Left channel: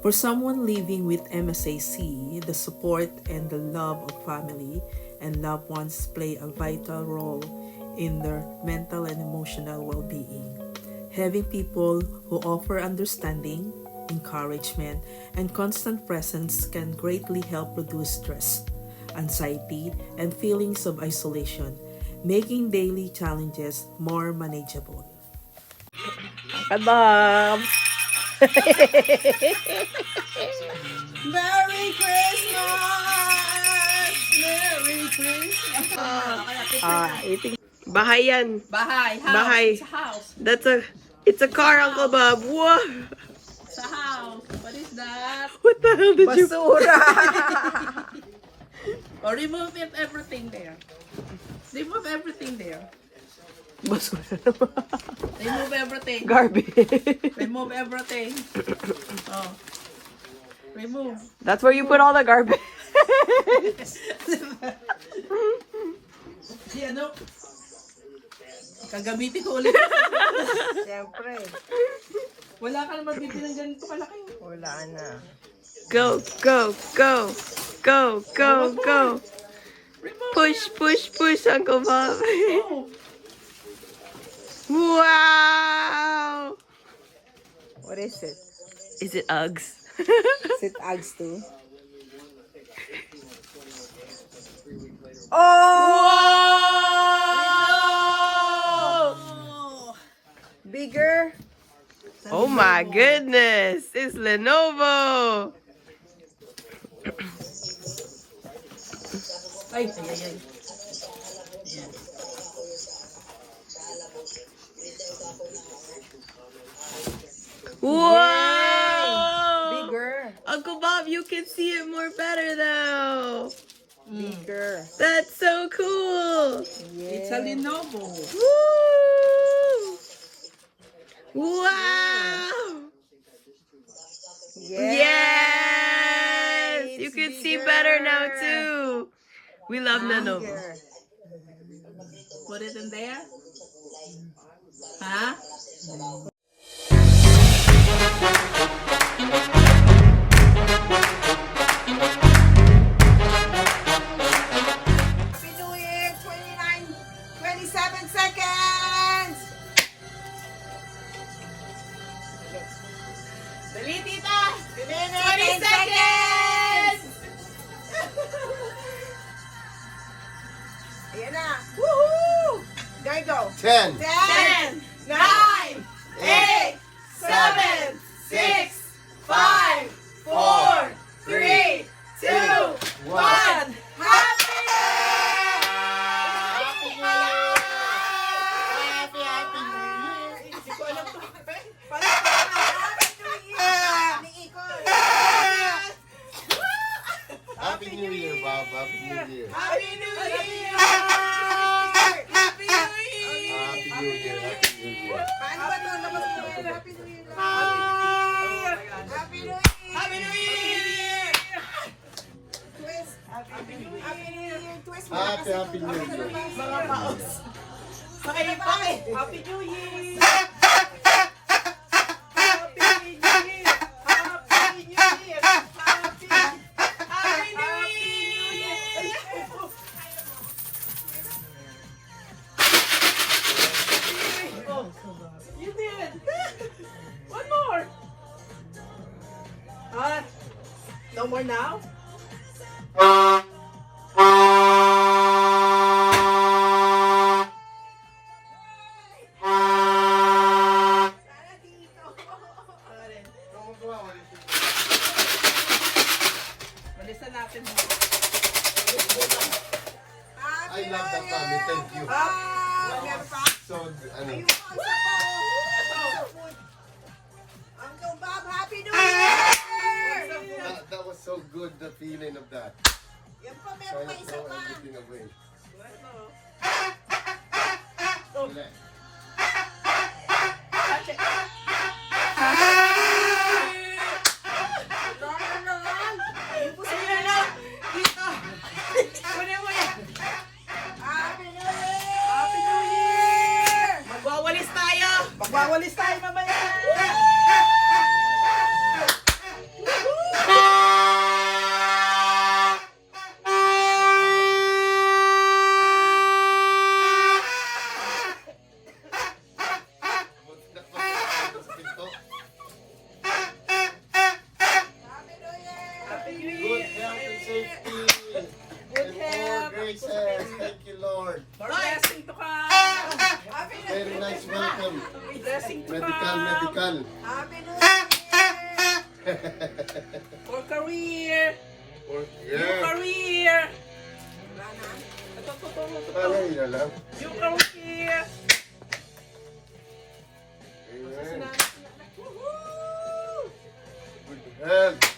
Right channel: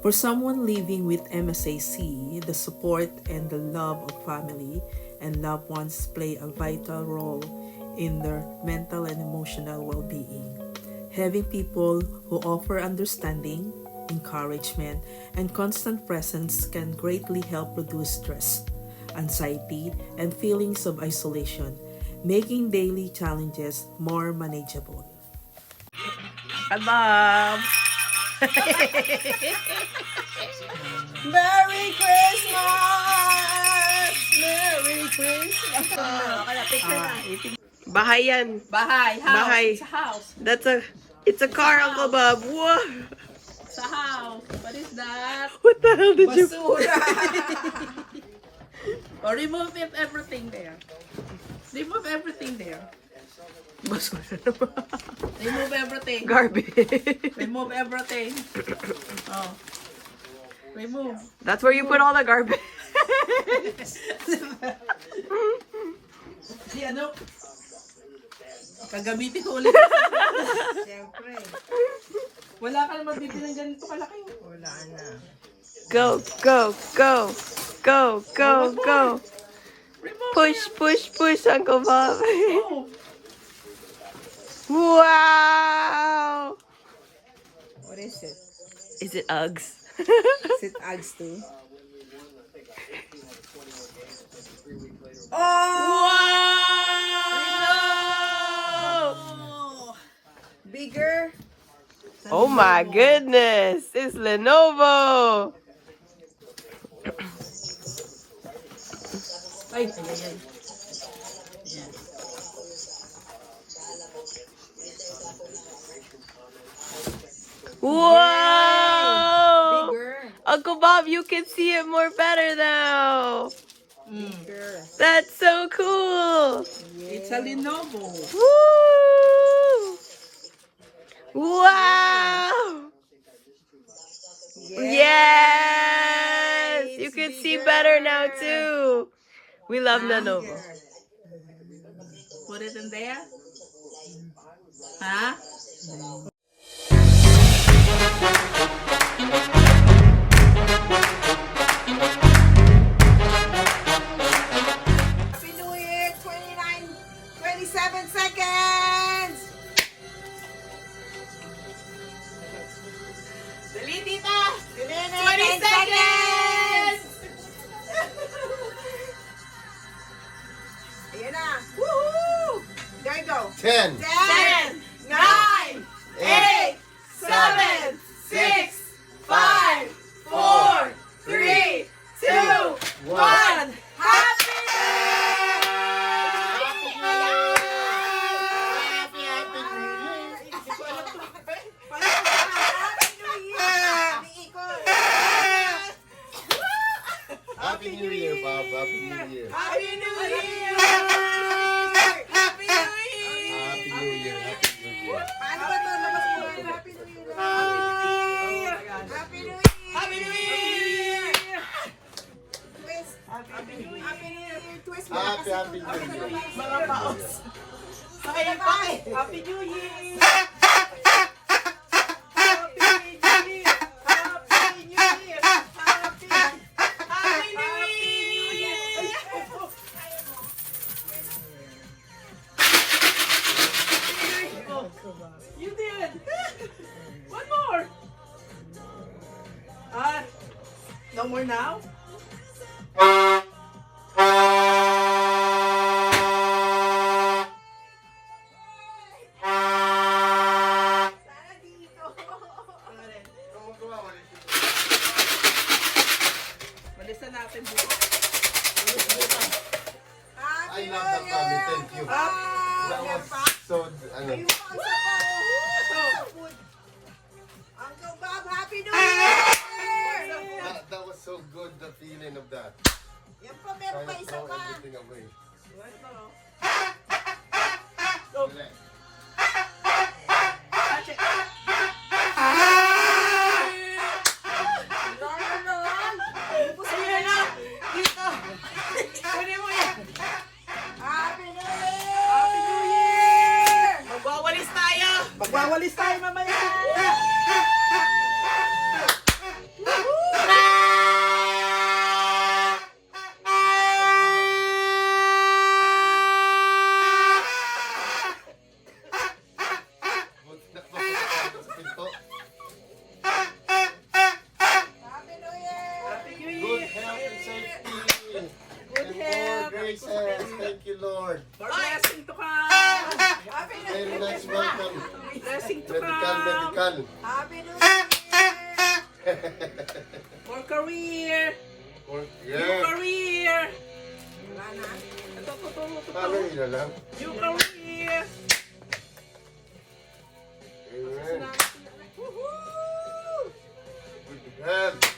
For someone living with MSAC, the support and the love of family and loved ones play a vital role in their mental and emotional well-being. Having people who offer understanding, encouragement, and constant presence can greatly help reduce stress, anxiety, and feelings of isolation, making daily challenges more manageable. Kabab! Merry Christmas! Merry Christmas! Eating. Bahay yan. Bahay, house. Bahay. It's a house. It's a car, Uncle Bob. Whoa! It's a house. What is that? What the hell did you... Basura! Or remove everything there. Remove everything there. Basura. Remove everything. Garbage. Remove everything. Oh. Remove. That's where you put all the garbage. Si ano? Kagamitin ko ulit. Siyempre, Wala ka naman bibili ng ganito kalaki. wala na. Go, go, go. Go, go, go. Remove. Push, push, push, Uncle Bob. Oh. Wow! What is it? Is it Uggs? Is it Uggs too? Wow! Bigger? Oh my goodness! It's Lenovo! Ay, ay, ay, ay. Ayan. Wow! Bigger. Uncle Bob, you can see it more better now. Bigger. That's so cool. It's a Lenovo. Woo! Wow! Yes! You can see better now too. We love Lenovo. Bigger. Put it in there. Huh? Happy New Year! 27 seconds! Dali, tita! 20 seconds! Ayan na. Woohoo! There you go. 10, 10, 9, 8, 7, 6, 5, 4, 3, 2, 1. Happy! Happy New Year, Bob. Happy New Year. Happy New Year! Happy New Year. Happy New Year. Paano ba ito? Labas mo yun. Happy New Year! Happy New Year! Happy New Year! Twist! Happy New Year! Happy New Year! Twist mo na kasi Happy ito. New Year. Mga paos. Pakipake! Happy New Year! You did! One more! No more now? Malisan natin dito. I love the family. Thank you. That was so, ano, Uncle Bob, Happy New Year! that was so good, the feeling of that. Yan pa, meron pa Trying to isa throw pa. everything away. Touch it. Kunin mo yan. Happy New Year! Happy New Year! Magwawalis tayo! Magwawalis tayo mamaya! Medical. Happy New Year! For career. Yeah. Career. Wala na. Ito. Ano yun lang? Your career. Amen. Woohoo! Good health.